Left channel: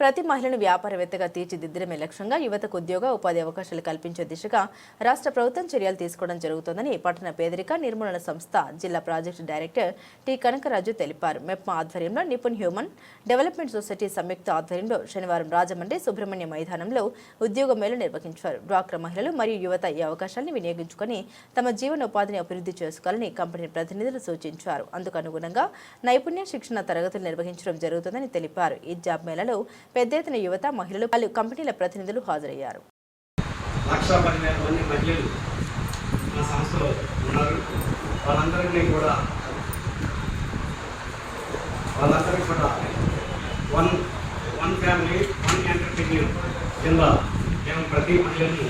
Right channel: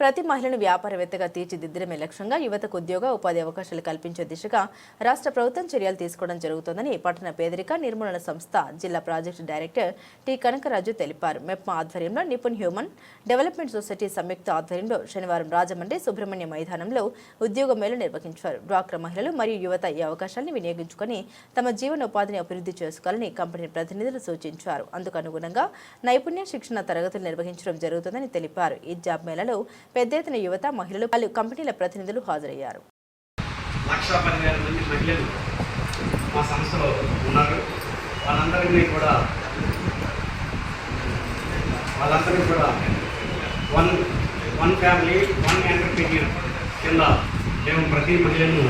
ప్రతి మహిళను వ్యాపారవేత్తగా తీర్చిదిద్దడమే లక్ష్యంగా యువతకు ఉద్యోగ ఉపాధి అవకాశాలు కల్పించే దిశగా రాష్ట్ర ప్రభుత్వం చర్యలు తీసుకోవడం జరుగుతోందని పట్టణ పేదరిక నిర్మూలన సంస్థ జిల్లా ప్రాజెక్టు డైరెక్టర్ టి కనకరాజు తెలిపారు. మెప్మా ఆధ్వర్యంలో నిపుణ్ హ్యూమన్ డెవలప్మెంట్ సొసైటీ సంయుక్త ఆధ్వర్యంలో శనివారం రాజమండ్రి సుబ్రహ్మణ్య మైదానంలో ఉద్యోగ మేళ నిర్వహించారు. డ్వాక్రా మహిళలు మరియు యువత ఈ అవకాశాలను వినియోగించుకొని తమ జీవనోపాధిని అభివృద్ధి చేసుకోవాలని కంపెనీ ప్రతినిధులు సూచించారు. అందుకు అనుగుణంగా నైపుణ్య శిక్షణ తరగతులు నిర్వహించడం జరుగుతుందని తెలిపారు. ఈ జాబ్ మేళలో పెద్ద ఎత్తున యువత, మహిళలు, పలు కంపెనీల ప్రతినిధులు హాజరయ్యారు. 1,15,000 మంది మహిళలు మా సంస్థలో ఉన్నారు. వాళ్ళందరికీ కూడా వన్ ఫ్యామిలీ వన్ ఎంటర్ప్రెన్యూర్ కింద మేము ప్రతి మహిళను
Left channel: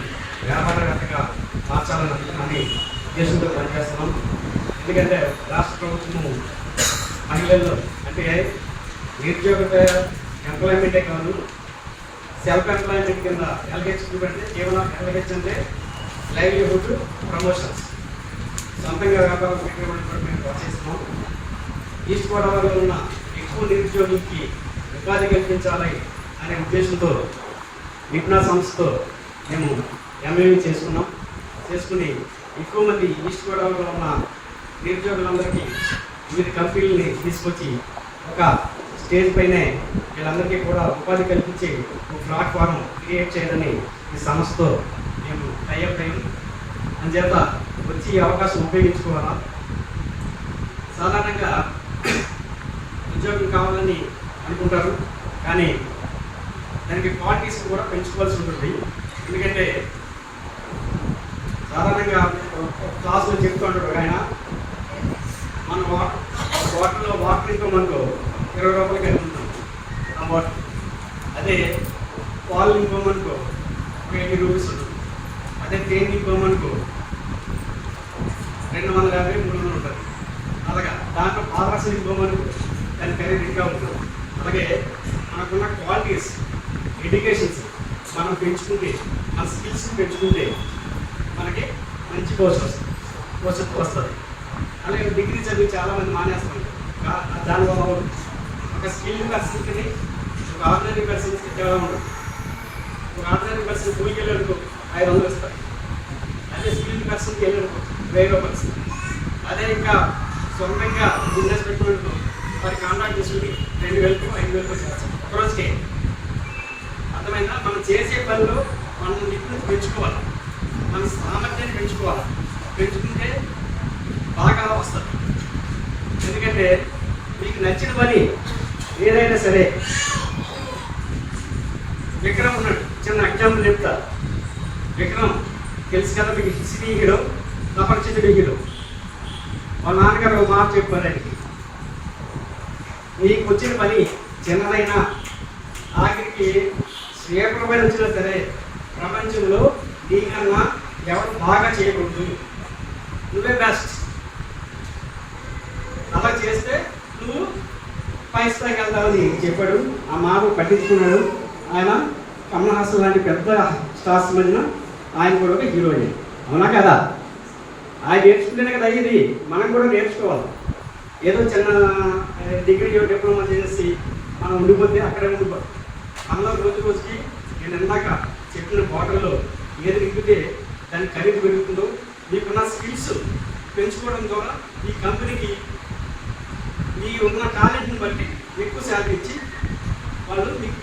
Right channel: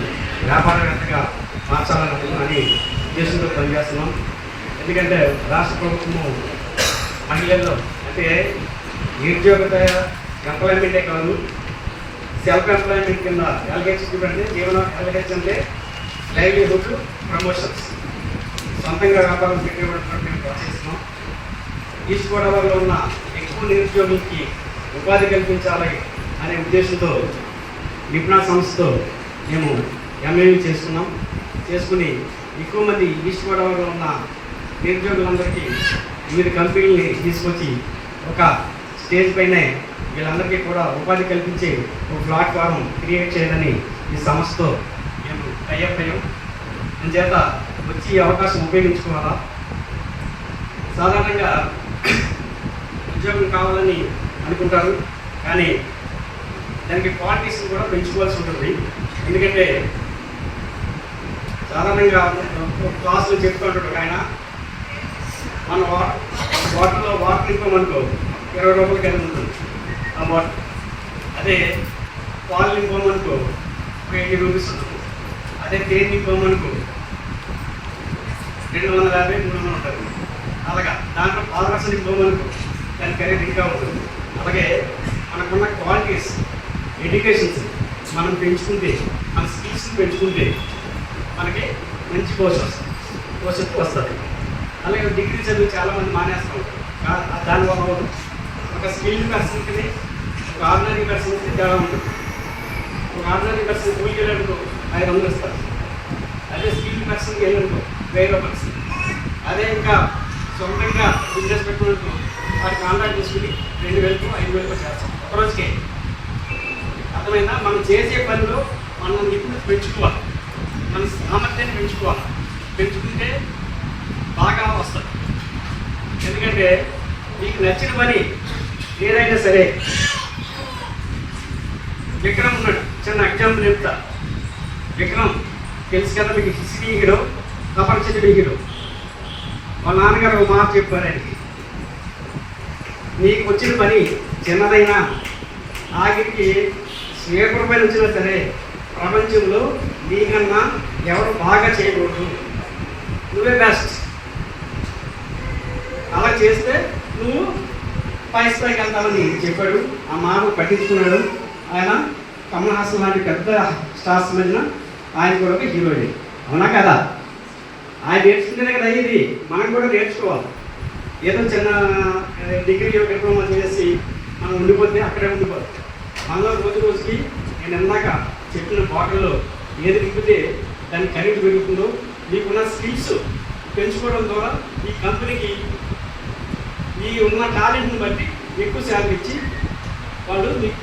వ్యాపారవేత్తగా మార్చాలని ఉద్దేశంతో పనిచేస్తున్నాం. ఎందుకంటే రాష్ట్ర ప్రభుత్వము మహిళల్లో అంటే నిరుద్యోగత ఎంప్లాయ్మెంటే కాదు, సెల్ఫ్ ఎంప్లాయ్మెంట్ కింద ఎల్హెచ్ అంటే ఎల్హెచ్ అంటే లైవ్లీహుడ్ ప్రమోషన్స్, సొంతంగా వ్యాపారం పెట్టేవాళ్ళని మేము ప్రోత్సహిస్తున్నాం. ఈస్ట్ గోదావరిలో ఉన్న ఎక్కువ నిరుద్యోగులకి ఉపాధి కల్పించాలి అనే ఉద్దేశంతో నిపుణ సంస్థతో మేము ఎంఏవి చేసుకుని ఎక్కువ మంది ఈస్ట్ గోదావరిలో ఉన్న నిరుద్యోగులందరికీ వివిధ కంపెనీలని తీసుకొచ్చి ఒక స్టేజ్ పైనే వీళ్ళందరికీ కూడా ఉపాధి కల్పించే ఒక ప్లాట్ఫారం క్రియేట్ చేయాలని ఈ సంస్థతో మేము టైఅప్ అయ్యాం. అందుచేత వచ్చి ఈ అవకాశం ఉపయోగించుకోవాలా. సాధారణంగా ఉద్యోగం కావాలని అనుకుంటారు, కానీ దానికి క్వాలిటీస్ కూడా పెంచుకోవాల్సి ఉంటుంది. ఎందుకంటే సాధారణంగా క్లాసులు చెప్తూ ఉంటాడు ఆయన, మన వాటర్లో వాటర్ నింపమనుకో 20 రూపాయలు కలిగి ఉంటుంది ఆ వాటర్. అదే పాలు నింపమనుకో 80 రూపీస్ ఉంటుంది. అదే తేనె నింపమనుకో 250, 300 ఉంటుంది. అలాగా దాంట్లో పాలరసం నింపమనుకో దాని ఖరీదు ఇంకా ఉంటుంది. అలాగే మనకున్న క్వాలిటీస్, ఎడ్యుకేషన్స్ మనం పెంచుకుంటే, మన స్కిల్స్ పెంచుకుంటే మనకి మంచి భవిష్యత్తు వస్తుంది. అలాగే డిగ్రీ చదివి చాలామంది మానేస్తాం. దానివల్ల ఒక స్కిల్డ్ పర్సన్కి ఒక ఆర్డినరీ పర్సన్కి చాలా ఉంటుంది. ఒక ఆర్డినరీ పర్సన్ కూలికి వెళ్ళనుకో 500 ఇస్తారు. అదే స్కిల్డ్ పర్సన్కి వెళ్ళనుకో 1000 రూపాయలు. అదే ఇంకా సొంతంగా బిజినెస్ పెట్టుకున్నట్టు వారి కాంట్రాక్ట్ తీసుకుని 2,000, 5,000 చేస్తాం ఒకరోజుకే. అర్థమైందా? మనం చేసే పనిలో మనం నిపుణత పెంచుకోవాలి, మన సామర్థ్యాన్ని పెంచుకుంటే బాగా వస్తుంది. ఎందుకంటే మీకు నచ్చిన పని ఏదైనా సరే, విక్రమ్ ఉన్నాడు, చిన్న ఎగ్జాంపుల్ చెప్తా. విక్రమ్ తెలుసు కదా మీకు, హిస్టరీ హీరో, ప్రపంచ హీరో. వాళ్ళ నాన్నగారు ఒక మాట చెప్పారు ఆయనకి, మీకు వచ్చిన పని చిన్నదైనా ఆఖరికి స్వీపర్ పైన వచ్చినా సరే ప్రపంచంలో నీకన్నా ఎవరు బాగా చేయకూడదు, నువ్వే బెస్ట్. అలా చేస్తే నువ్వు పై స్థాయికి వెళ్తావని చెప్పాడు. ఆ మాట పట్టించుకున్నాడు ఆయన. కమల్ హాసన్ లాంటి పెద్ద స్టార్స్ మధ్యన ఆయన కూడా ఒక హీరోయిన్, అవునా కదా? ఆయన నేర్చుకుంటేనే కదా ఇది, మనం కూడా నేర్చుకోవాలి. ఏదో చిన్న డిగ్రీ డిప్లొమా చేసి మనం ఉండిపోతే అక్కడే ఉండిపోతాం. మనలో రోజుకి నేను ఇందాక చెప్పిన బాటిల్లో ఏది నింపితే దాని ఖరీదు పెరుగుతుందో, మీకున్న స్కిల్స్ పెంచుకోవడం ద్వారా ఈ కంపెనీకి ఈ ఉన్న టాలెంట్ని బట్టి ఎక్కువ శాలరీ ఇచ్చి వాళ్ళు మీకు